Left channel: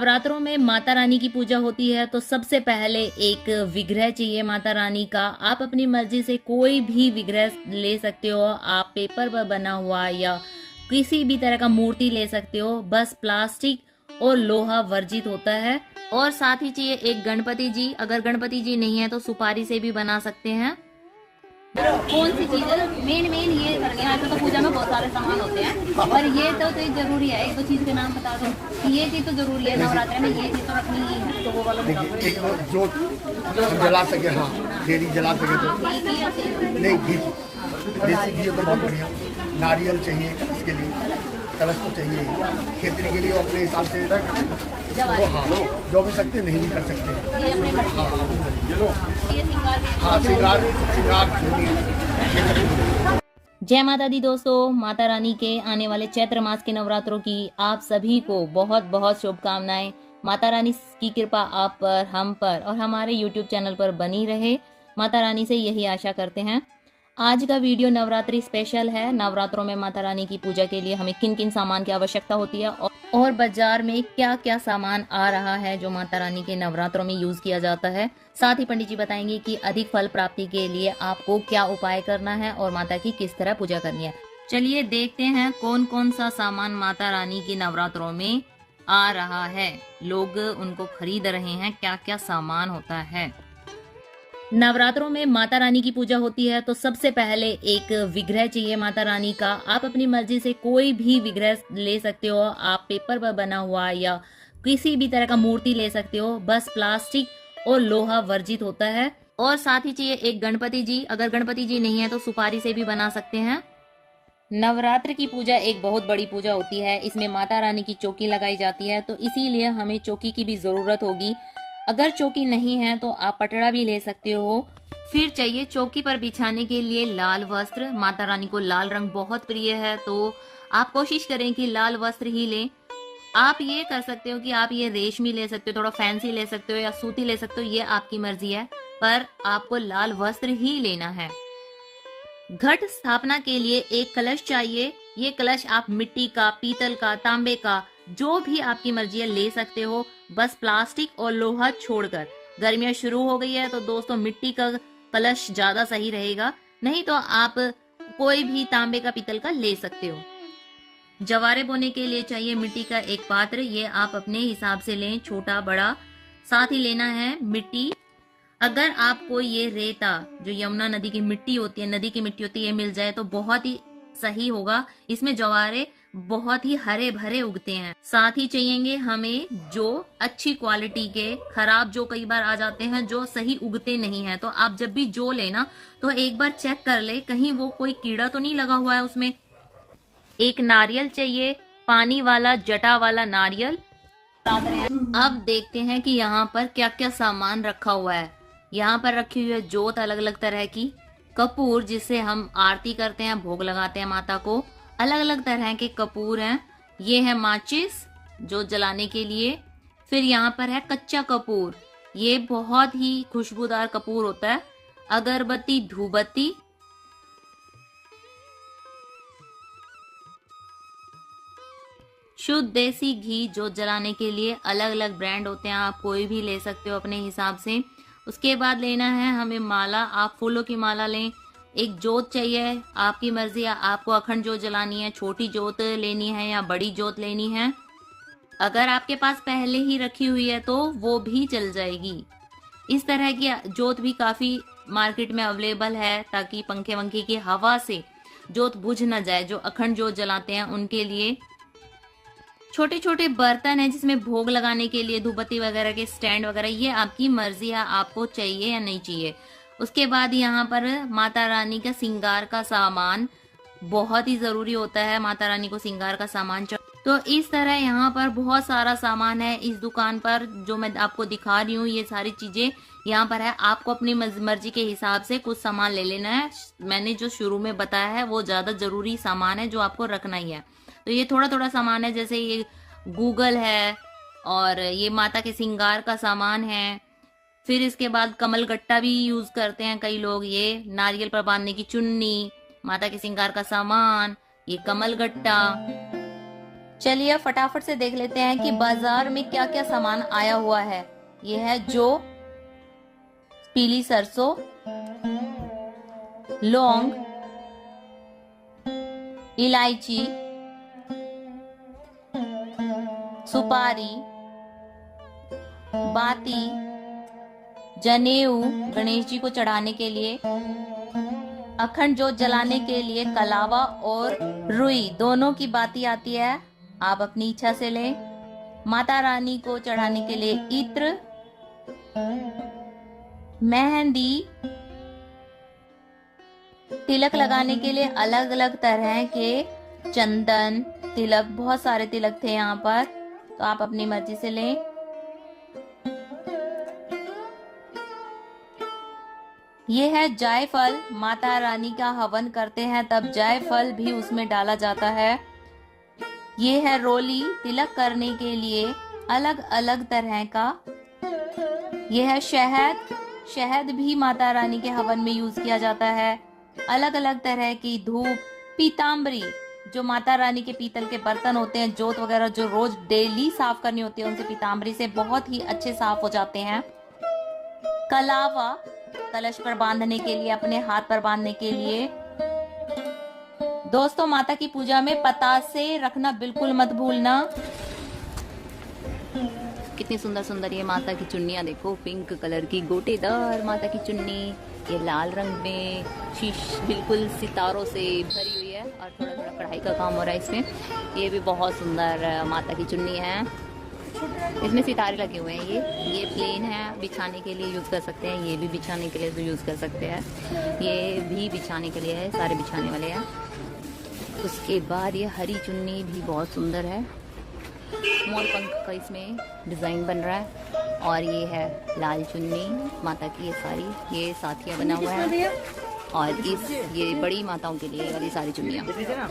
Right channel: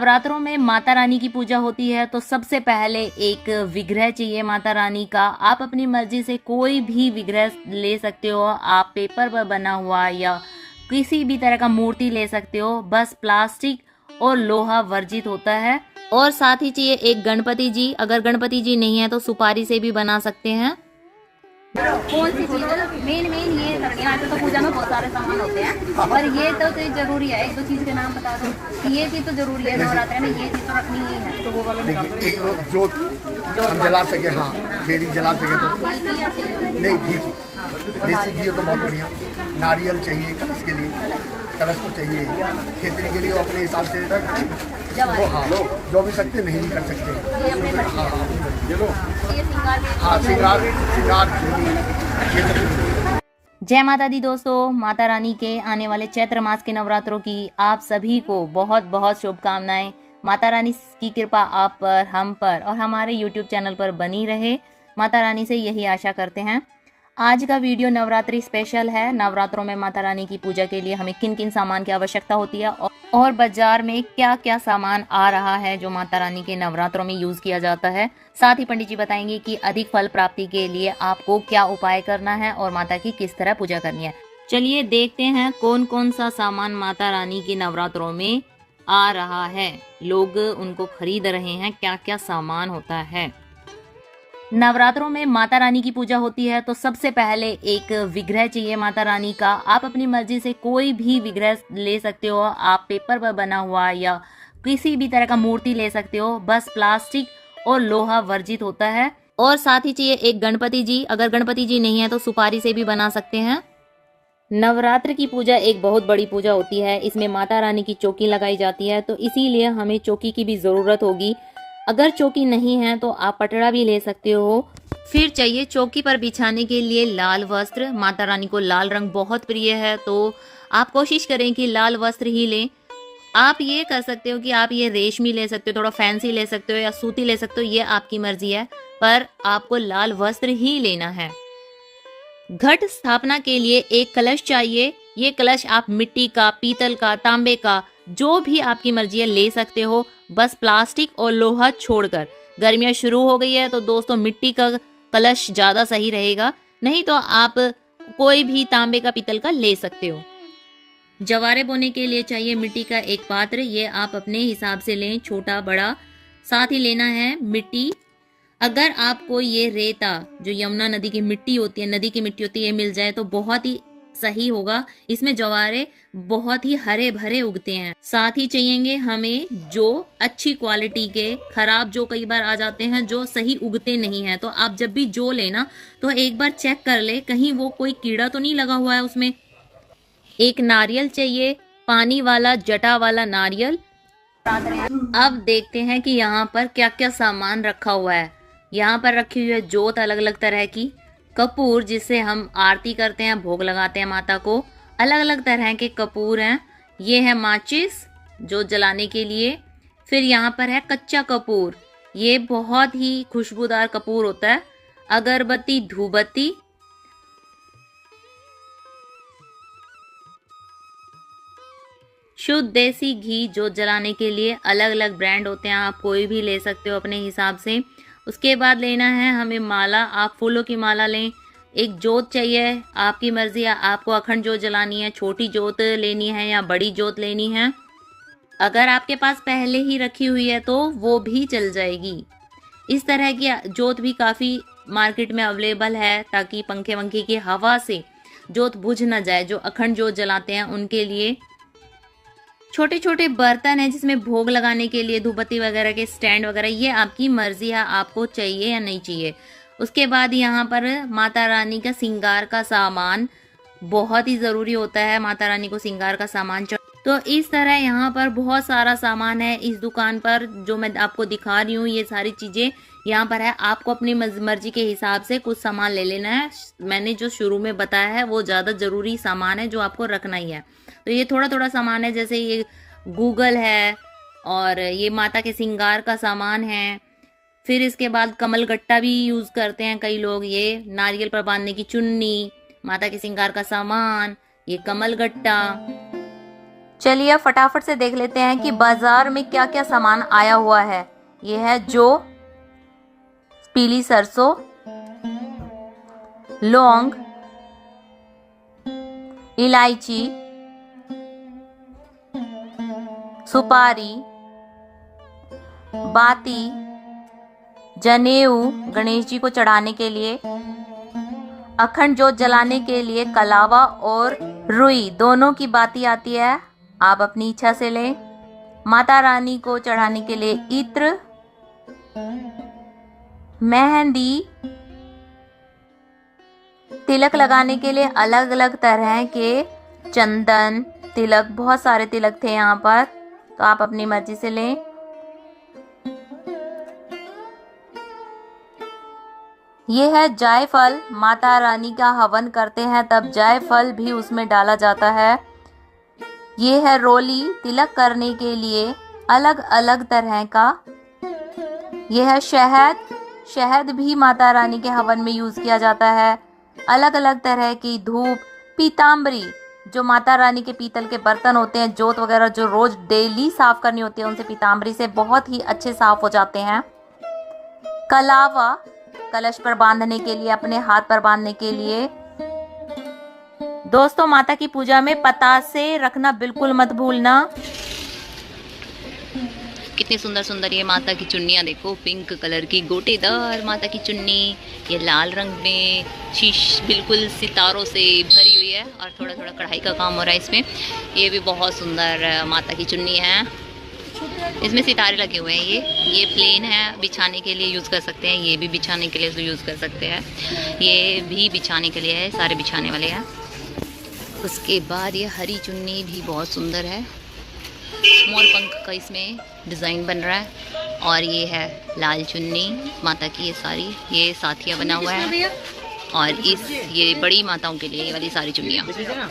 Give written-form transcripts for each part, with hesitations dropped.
नवरात्रों में माता रानी की पूजा होती है तो सबसे पहले एक विग्रह चाहिए माता रानी का। आप अपनी मर्जी से कोई भी विग्रह ले सकते हो, आप पेपर पर बना हुआ या किसी भी तरह का मूर्ति ले सकते हो, बस प्लास्टिक और लोहा वर्जित होता है। और साथ ही चाहिए एक गणपति जी, अगर गणपति जी नहीं है तो सुपारी से भी बना सकते हैं। कौन सी चीज मेन ये करनी है, तो पूजा में बहुत सारे सामान होते हैं और ये तो जरूरी है। एक दो चीज के नाम बता दो कि ये चीज तो जरूरी है, नवरात्रि में ये चीज तो रखनी ही है। तो वो वाला एक जो हम जला सके, हाँ डेली जला सके तो नहीं, देसी घी तो बहुत बढ़िया। नारियल चाहिए कलश के लिए, कलश को चाहिए खेतने के लिए अपने हिसाब से वो, हाँ जो भी सकते नहीं भी कर सकते। जय माता दी दोस्तों, माता रानी के आने वाले चैत्र मास के नवरात्रों की आप सभी को बहुत बहुत शुभकामनाएं। माता रानी की कृपा आप पर, हम पर और हमारे YouTube चैनल पर बनी रहे, माता रानी से यही आशा करते हैं। आज का वीडियो नवरात्रि स्पेशल है। नवरात्रों में माता रानी की पूजा के लिए हमें किन किन सामान की आवश्यकता होती है और बाजार में क्या क्या सामान आ रहा है जो माता रानी के नवरात्रों में यूज किया जाता है। साथ ही पंडित जी बताएंगे कि अधिक फल प्राप्ति के लिए आपको क्या उपाय करना है और माता की किस तरह पूजा करनी है। चलिए देखते हैं कौन कौन सा सामान माता रानी के नवरात्रों में आ रहा है, लोग उनको खरीद रहे हैं, क्या क्या सामान होता है। नवरात्रों में माता रानी की पूजा होती है तो सबसे पहले एक विग्रह चाहिए माता रानी का। आप अपनी मर्जी से कोई भी विग्रह ले सकते हो, आप पेपर पर बना हुआ या किसी भी तरह का मूर्ति ले सकते हो, बस प्लास्टिक और लोहा वर्जित होता है। और साथ ही चाहिए एक गणपति जी, अगर गणपति जी नहीं है तो सुपारी से भी बना सकते हैं। नवरात्र की पूजा एक बहुत बड़ी पूजा होती है, इसमें माता रानी की चौकी लगाई जाती है, तो इसीलिए हमें चौकी की भी जरूरत होगी। अगर चौकी नहीं है तो आप पटड़ा भी ले सकते हो। फिर चाहिए चौकी पर बिछाने के लिए लाल वस्त्र। माता रानी को लाल रंग बहुत प्रिय है, तो आप कोशिश करें कि लाल वस्त्र ही लें। आप ये कर सकते हो कि आप ये रेशमी ले सकते हो, थोड़ा फैंसी ले सकते हो या सूती ले सकते हो, ये आपकी मर्जी है, पर आपको लाल वस्त्र ही लेना है। घट स्थापना के लिए एक कलश चाहिए। ये कलश आप मिट्टी का, पीतल का, तांबे का, जो भी आपकी मर्जी है ले सकते हो, बस प्लास्टिक और लोहा छोड़कर। गर्मियां शुरू हो गई है तो दोस्तों मिट्टी का कलश ज्यादा सही रहेगा, नहीं तो आप कोई भी तांबे का, पीतल का ले सकते हो। जवारे बोने के लिए चाहिए मिट्टी का एक पात्र, ये आप अपने हिसाब से लें, छोटा बड़ा। साथ ही लेना है मिट्टी। अगर आपको ये रेता जो यमुना नदी की मिट्टी होती है, नदी की मिट्टी होती है, ये मिल जाए तो बहुत ही सही होगा। इसमें जवारे बहुत ही हरे भरे उगते हैं। साथ ही चाहिए हमें जो अच्छी क्वालिटी के, खराब जो कई बार आ जाते हैं, जो सही उगते नहीं है, तो आप जब भी जो लेना तो एक बार चेक कर ले कहीं वो कोई कीड़ा तो नहीं लगा हुआ है उसमें। एक नारियल चाहिए, पानी वाला, जटा वाला नारियल। अब देखते हैं कि यहाँ पर क्या क्या सामान रखा हुआ है। यहाँ पर रखी हुई है जोत अलग अलग तरह की, कपूर जिससे हम आरती करते हैं, भोग लगाते हैं माता को, अलग अलग तरह के कपूर हैं। ये है माचिस जो जलाने के लिए। फिर यहाँ पर है कच्चा कपूर, ये बहुत ही खुशबूदार कपूर होता है। अगरबत्ती, धूपबत्ती, शुद्ध देसी घी जो जलाने के लिए, अलग अलग ब्रांड होते हैं, आप कोई भी ले सकते हो अपने हिसाब से। उसके बाद लेना है हमें माला, आप फूलों की माला लें। एक जोत चाहिए, आपकी मर्जी है, आपको अखंड जोत जलानी है, छोटी जोत लेनी है या बड़ी जोत लेनी है। अगर आपके पास पहले ही रखी हुई है तो वो भी चल जाएगी। इस तरह की जोत भी काफी मार्केट में अवेलेबल है, ताकि पंखे वंखे की हवा से जोत बुझ न जाए। जो अखंड जोत जलाते हैं उनके लिए छोटे छोटे बर्तन है जिसमें भोग लगाने के लिए धूपबत्ती वगैरह के स्टैंड वगैरह, ये आपकी मर्जी है, आपको चाहिए या नहीं चाहिए। उसके बाद यहाँ पर माता रानी का श्रृंगार का सामान बहुत ही जरूरी होता है, माता रानी को श्रृंगार का सामान तो इस तरह यहाँ पर बहुत सारा सामान है इस दुकान पर जो मैं आपको दिखा रही हूँ। ये सारी चीजें यहाँ पर है, आपको अपनी मर्जी के हिसाब से कुछ सामान ले लेना है। मैंने जो शुरू में बताया है वो ज्यादा जरूरी सामान है जो आपको रखना ही है। तो ये थोड़ा थोड़ा सामान है, जैसे ये गूगल है और ये माता के श्रृंगार का सामान है। फिर इसके बाद कमल गट्टा भी यूज करते हैं कई लोग, ये नारियल पर बांधने की चुन्नी, माता के श्रृंगार का सामान, ये कमल गट्टा। चलिए फटाफट से देख लेते हैं कि बाजार में क्या क्या सामान आया हुआ है। ये है जो पीली सरसों, लौंग, इलायची, सुपारी, बाती, जनेऊ गणेश जी को चढ़ाने के लिए, अखंड जोत जलाने के लिए कलावा और रुई दोनों की बाती आती है, आप अपनी इच्छा से लें। माता रानी को चढ़ाने के लिए इत्र, मेहंदी, तिलक लगाने के लिए अलग अलग तरह के चंदन, तिलक, बहुत सारे तिलक थे यहाँ पर, तो आप अपनी मर्जी से लें। ये है जायफल, माता रानी का हवन करते हैं तब जायफल भी उसमें डाला जाता है। ये है रोली, तिलक करने के लिए अलग अलग तरह का। ये है शहद, शहद भी माता रानी के हवन में यूज किया जाता है। अलग अलग तरह की धूप, पीताम्बरी, जो माता रानी के पीतल के बर्तन होते हैं, जोत वगैरह जो रोज डेली साफ करनी होती है, उनसे पीताम्बरी से बहुत ही अच्छे साफ हो जाते हैं। कलावा, कलश पर बांधने के लिए, अपने हाथ पर बांधने के लिए। दोस्तों माता की पूजा में पतासे रखना बिल्कुल मत भूलना। कितनी सुंदर सुंदर ये माता की चुन्नियाँ देखो, पिंक कलर की गोटेदार माता की चुन्नी, ये लाल रंग में शीश बिल्कुल सितारों से भरी हुई है और थोड़ा थोड़ा कढ़ाई का काम हो रहा है इसमें। ये भी बहुत सुंदर माता की चुन्नी है, इसमें सितारे लगे हुए हैं। ये प्लेन है, बिछाने के लिए यूज़ कर सकते हैं, ये भी बिछाने के लिए यूज़ कर सकते हैं, ये भी बिछाने के लिए है, सारे बिछाने वाले हैं। उसके बाद ये हरी चुन्नी भी बहुत सुंदर है, मोर पंख का इसमें डिज़ाइन बन रहा है। और ये है लाल चुन्नी माता की, ये सारी ये साथिया बना हुआ है। और ये बड़ी माताओं के लिए ये वाली सारी चुन्नियाँ।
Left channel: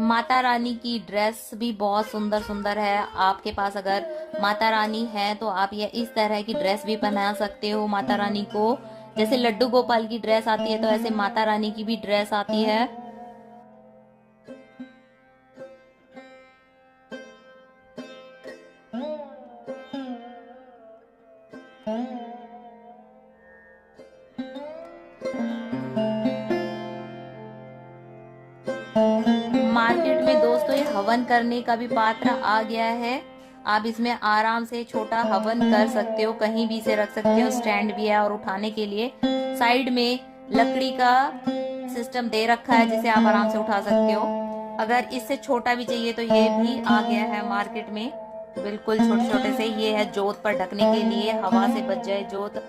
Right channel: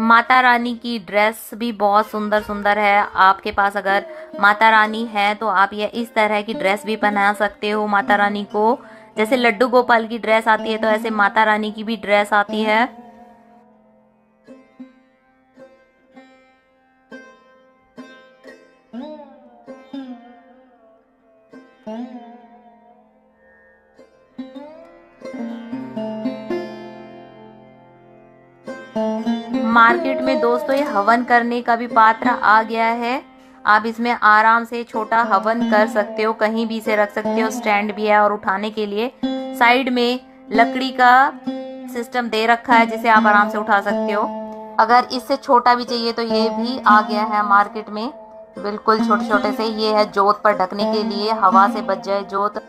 माता रानी की ड्रेस भी बहुत सुंदर सुंदर है। आपके पास अगर माता रानी है तो आप ये इस तरह की ड्रेस भी पहना सकते हो माता रानी को। जैसे लड्डू गोपाल की ड्रेस आती है तो ऐसे माता रानी की भी ड्रेस आती है। मार्केट में दोस्तों ये हवन करने का भी पात्र आ गया है। आप इसमें आराम से छोटा हवन कर सकते हो, कहीं भी इसे रख सकते हो। स्टैंड भी है और उठाने के लिए साइड में लकड़ी का सिस्टम दे रखा है जिसे आप आराम से उठा सकते हो। अगर इससे छोटा भी चाहिए तो ये भी आ गया है मार्केट में, बिल्कुल छोटे छोटे से। ये है जोत पर ढकने के लिए, हवा से बच जाए जोत।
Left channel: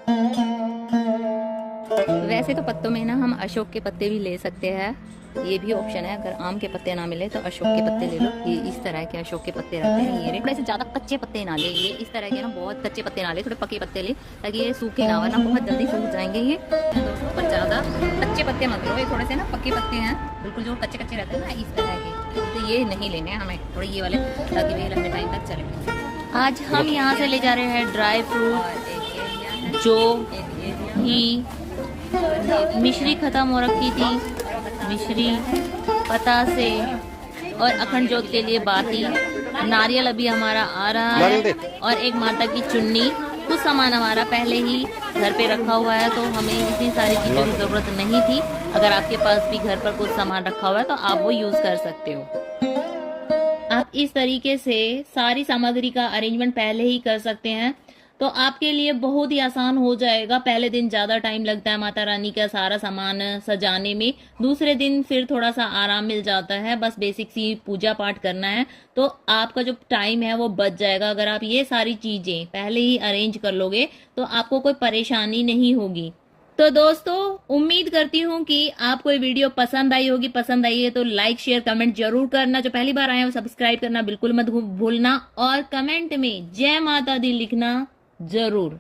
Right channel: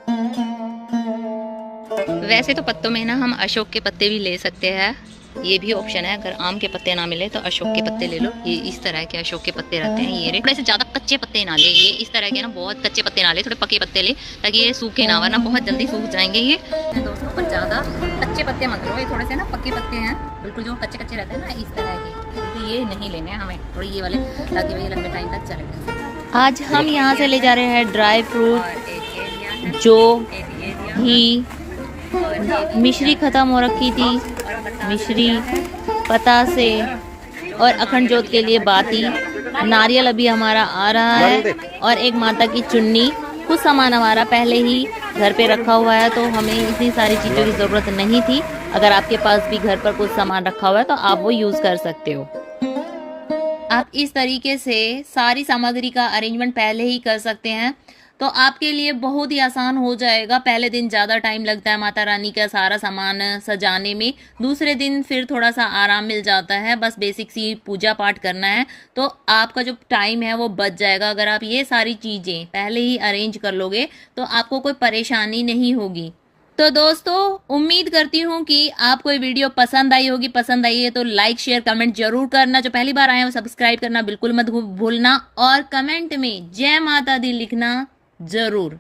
वैसे तो पत्तों में ना हम अशोक के पत्ते भी ले सकते हैं, ये भी ऑप्शन है। अगर आम के पत्ते ना मिले तो अशोक के पत्ते ले लो। ये इस तरह के अशोक के पत्ते रहते हैं। ये थोड़े से ज्यादा कच्चे पत्ते ना ले, ये इस तरह के ना बहुत कच्चे पत्ते ना ले, थोड़े पके पत्ते ले ताकि ये सूखे ना, वरना बहुत जल्दी सूख जाएंगे ये दोस्तों। पर ज्यादा कच्चे पत्ते मत लो, ये थोड़े से ना पके पत्ते हैं, बिल्कुल जो कच्चे कच्चे रहते हैं ना इस तरह के, तो ये नहीं लेने हैं हमें, थोड़े ये वाले, ताकि वे लंबे टाइम तक चले। आज हम यहाँ से ले जा रहे हैं ड्राई फ्रूट, जो ही मिश्री खत्म हो रखी थी, मिश्री, पतासे और अखंड जोत के लिए बाती, नारियल अभी हमारा आ रहा है और एक माता की चुन्नी। कुछ सामान हमारा पहले ही घर पे रखा हुआ है तो हमें इतनी सारी चीज़ों की ज़रूरत नहीं थी। अगर आपके पास भी घर पर कुछ सामान रखा हुआ है तो आप वो यूज़ कर सकते हो। आप इस तरीके से सारी सामग्री का अरेंजमेंट पहले ही कर सकते हैं तो आपके लिए बहुत ही आसान हो जाएगा। पहले दिन ज़्यादा टाइम लगता है माता रानी का सारा सामान सजाने में, दूसरे दिन फिर थोड़ा सा आराम मिल जाता है, बस बेसिक सी पूजा पाठ करना है तो आपका जो टाइम है वो बच जाएगा। अगर आप ये सारी चीज़ें पहले ही अरेंज कर लोगे तो आपको कोई परेशानी नहीं होगी। तो दोस्तों उम्मीद करती हूँ कि आपको ये वीडियो पसंद आई होगी। पसंद आई है तो लाइक शेयर कमेंट जरूर करना। जो पहली बार आए हैं वो सब्सक्राइब करना बिल्कुल मत भूलना और कमेंट में जय माता दी लिखना जरूर।